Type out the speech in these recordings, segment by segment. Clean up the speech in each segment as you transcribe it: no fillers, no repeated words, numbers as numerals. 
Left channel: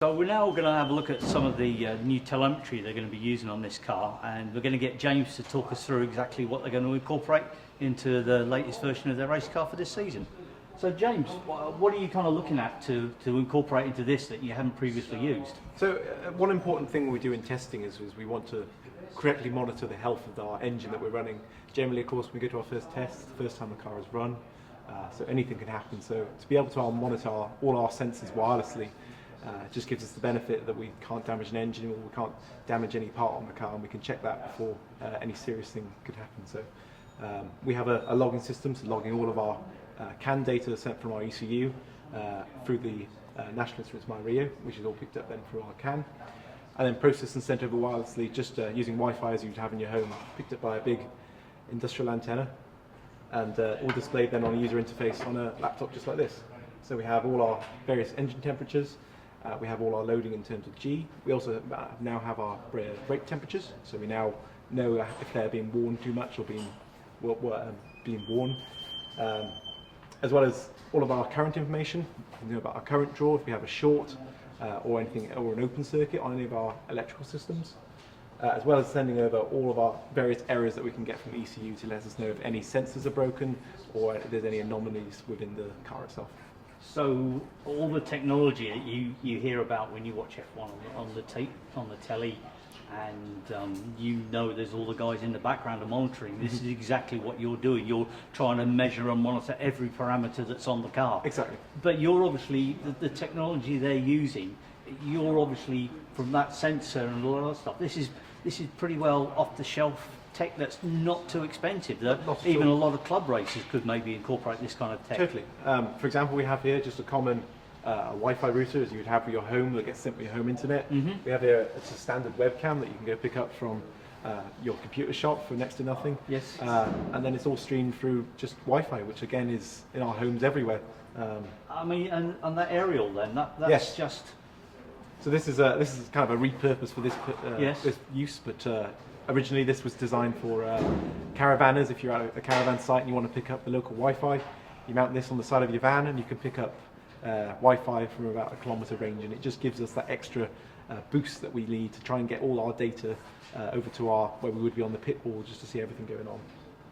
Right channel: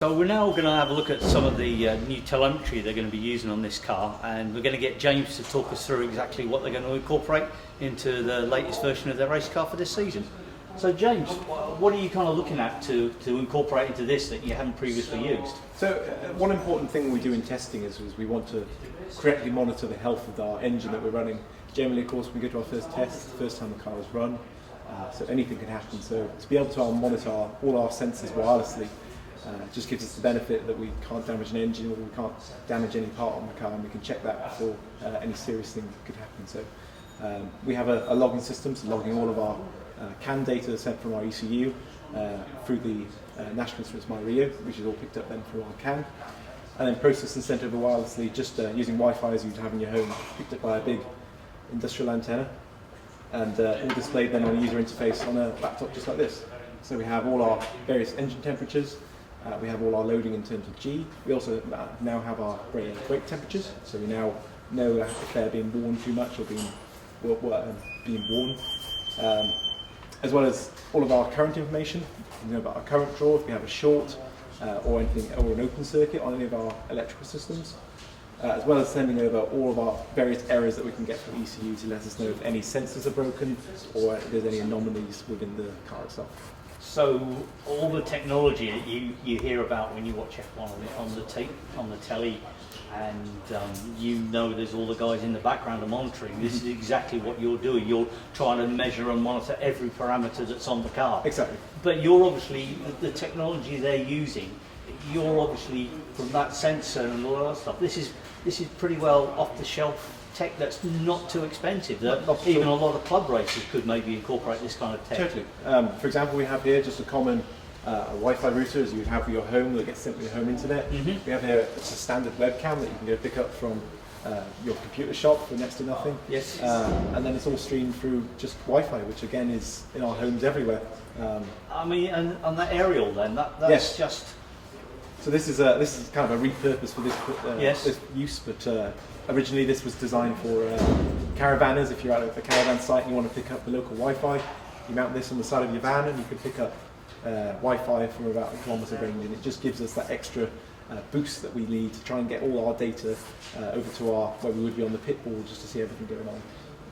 So we're now going to have a look at some of the new telemetry they're going to be using on this car, and we're going to get James to talk us through exactly what they're going to incorporate into the latest version of their race car for this season. So James, what are you kind of looking at to incorporate into this that you haven't previously used? So one important thing we do in testing is we want to correctly monitor the health of our engine that we're running. Generally, of course, when we go to our first test, the first time the car is run, so anything can happen. So to be able to monitor all our sensors wirelessly just gives us the benefit that we can't damage an engine or we can't damage any part on the car, and we can check that before any serious thing could happen. So we have a logging system, so logging all of our CAN data sent from our ECU through the National Instruments My Rio, which is all picked up then through our CAN, and then processed and sent over wirelessly, just using Wi-Fi as you'd have in your home, picked up by a big industrial antenna, and all displayed then on a user interface on a laptop just like this. So we have all our various engine temperatures. We have all our loading in terms of G. We also now have our brake temperatures, so we now know if they're being worn too much or being worn, as well as all of our current information. You know about our current draw, if we have a short or anything, or an open circuit on any of our electrical systems, as well as sending over all of our various errors that we can get from ECU to let us know if any sensors are broken or if there's any anomalies within the car itself. So all the technology that you hear about when you watch F1 on the telly, and you know there's all the guys in the background are monitoring. This is exactly what you're doing. You're trying to measure and monitor every parameter that's on the car. Exactly. But you're obviously, the technology they're using, you're obviously from that sensor and all that stuff. This is pretty well off the shelf tech that's not too expensive. Even a lot of club racers could maybe incorporate this kind of tech. Totally. For example, we have here just a common Wi-Fi router as you would have for your home that gets sent to your home internet. We have here a standard webcam that you can go pick up from your computer shop for next to nothing. Yes. And then it's all streamed through just Wi-Fi, which again is in our homes everywhere. I mean, and that aerial then, that's yes. just... So this is kind of a repurpose for this use, but originally this was designed for caravanners. If you're at a caravan site and you want to pick up the local Wi-Fi, you mount this on the side of your van and you can pick up Wi-Fi from about 1 kilometre range, and it just gives us that extra boost that we need to try and get all our data over to where we would be on the pit board, just to see everything going on.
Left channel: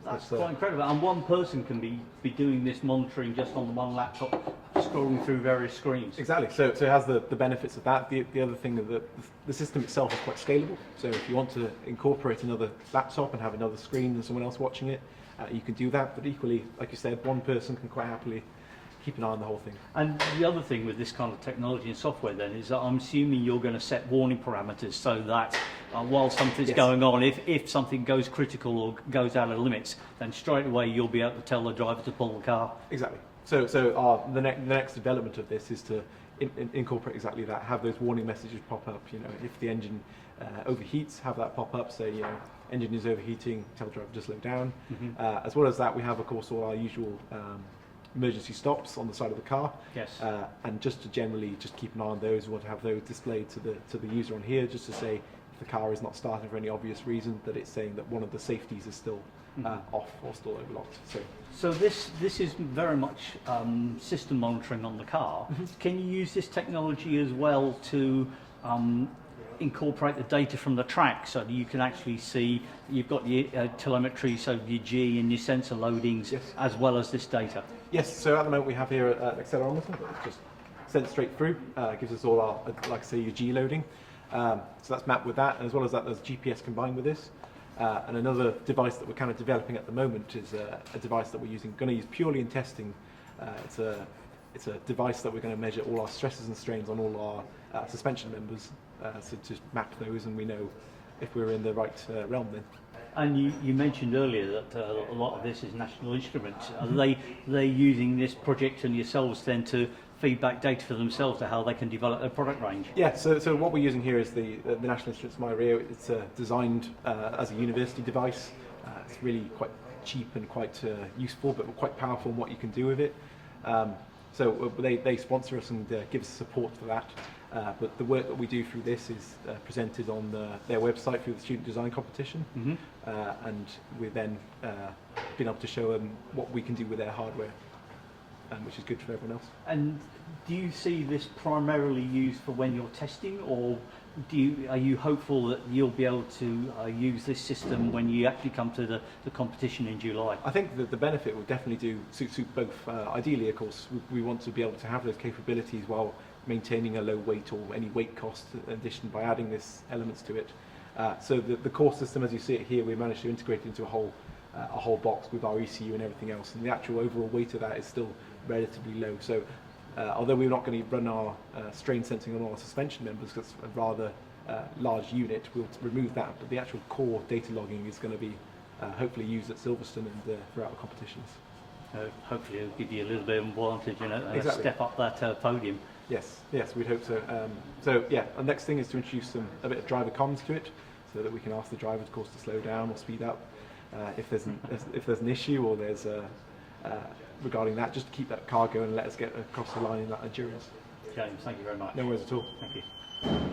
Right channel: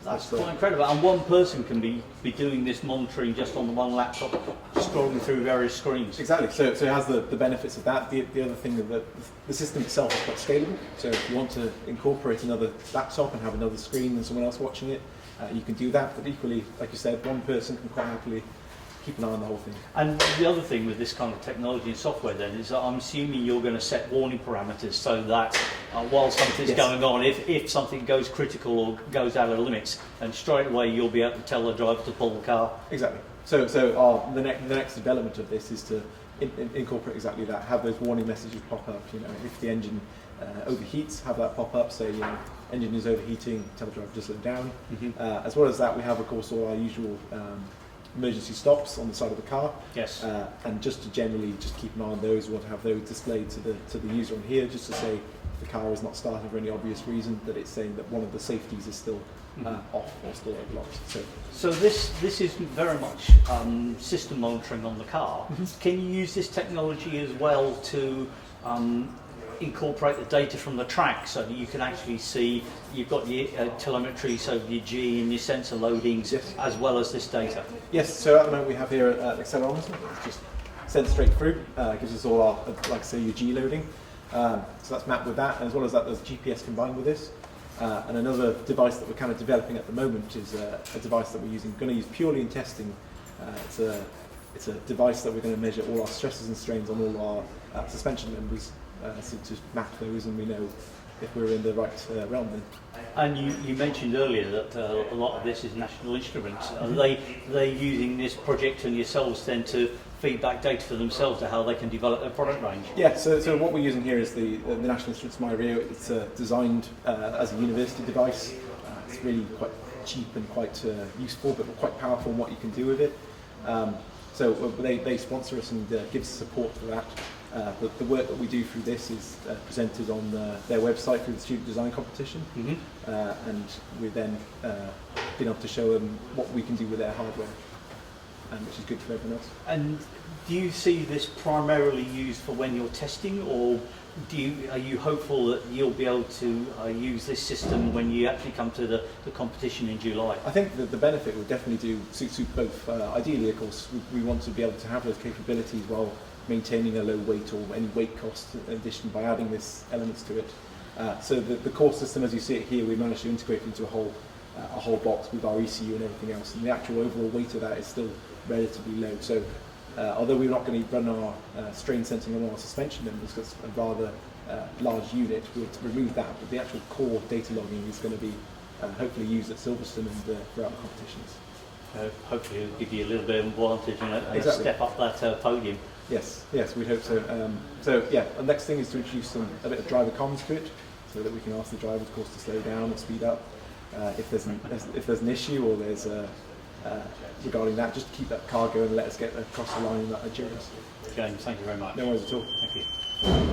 That's quite incredible, and one person can be doing this monitoring just on the one laptop, scrolling through various screens. Exactly, so it has the benefits of that. The other thing is that the system itself is quite scalable, so if you want to incorporate another laptop and have another screen and someone else watching it, you can do that, but equally, like you said, one person can quite happily keep an eye on the whole thing. And the other thing with this kind of technology and software then is that I'm assuming you're going to set warning parameters so that while something's going on, if something goes critical or goes out of limits, then straight away you'll be able to tell the driver to pull the car. Exactly. So the next development of this is to incorporate exactly that, have those warning messages pop up. You know, if the engine overheats, have that pop up, say, you know, engine is overheating, tell the driver to slow down. As well as that, we have, of course, all our usual emergency stops on the side of the car. Yes. And just to generally just keep an eye on those, we want to have those displayed to the user on here, just to say the car is not starting for any obvious reason, that it's saying that one of the safeties is still off or still overlocked. So this is very much system monitoring on the car. Can you use this technology as well to incorporate the data from the track, so that you can actually see you've got your telemetry, so your G and your sensor loadings, as well as this data? Yes, so at the moment we have here an accelerometer that's just sent straight through, gives us all our, like I say, your G loading. So that's mapped with that, as well as that there's GPS combined with this. And another device that we're kind of developing at the moment is a device that we're going to use purely in testing. It's a device that we're going to measure all our stresses and strains on all our suspension members, so to map those, and we know if we're in the right realm then. And you mentioned earlier that a lot of this is National Instruments. Are they using this project and yourselves then to feedback data for themselves to how they can develop their product range? Yeah, so what we're using here is the National Instruments My Rio. It's designed as a university device. It's really quite cheap and quite useful, but quite powerful in what you can do with it. So they sponsor us and give us support for that. But the work that we do through this is presented on their website through the student design competition, and we've then been able to show them what we can do with their hardware, which is good for everyone else. And Do you see this primarily used for when you're testing, or are you hopeful that you'll be able to use this system when you actually come to the competition in July? I think that the benefit would definitely suit both. Ideally, of course, we want to be able to have those capabilities while maintaining a low weight or any weight cost addition by adding this elements to it. So the core system, as you see it here, we managed to integrate into a whole box with our ECU and everything else, and the actual overall weight of that is still relatively low. So although we're not going to run our strain sensing on our suspension members because it's a rather large unit, we'll remove that, but the actual core data logging is going to be hopefully used at Silverstone and throughout the competitions. Hopefully it'll give you a little bit of advantage, and Exactly. a step up that podium. Yes, we'd hope so. So yeah, the next thing is to introduce a bit of driver comms to it, so that we can ask the driver, of course, to slow down or speed up if there's an issue or there's regarding that. Just keep that car going and let us get across the line in that endurance. James, thank you very much. No worries at all. Thank you.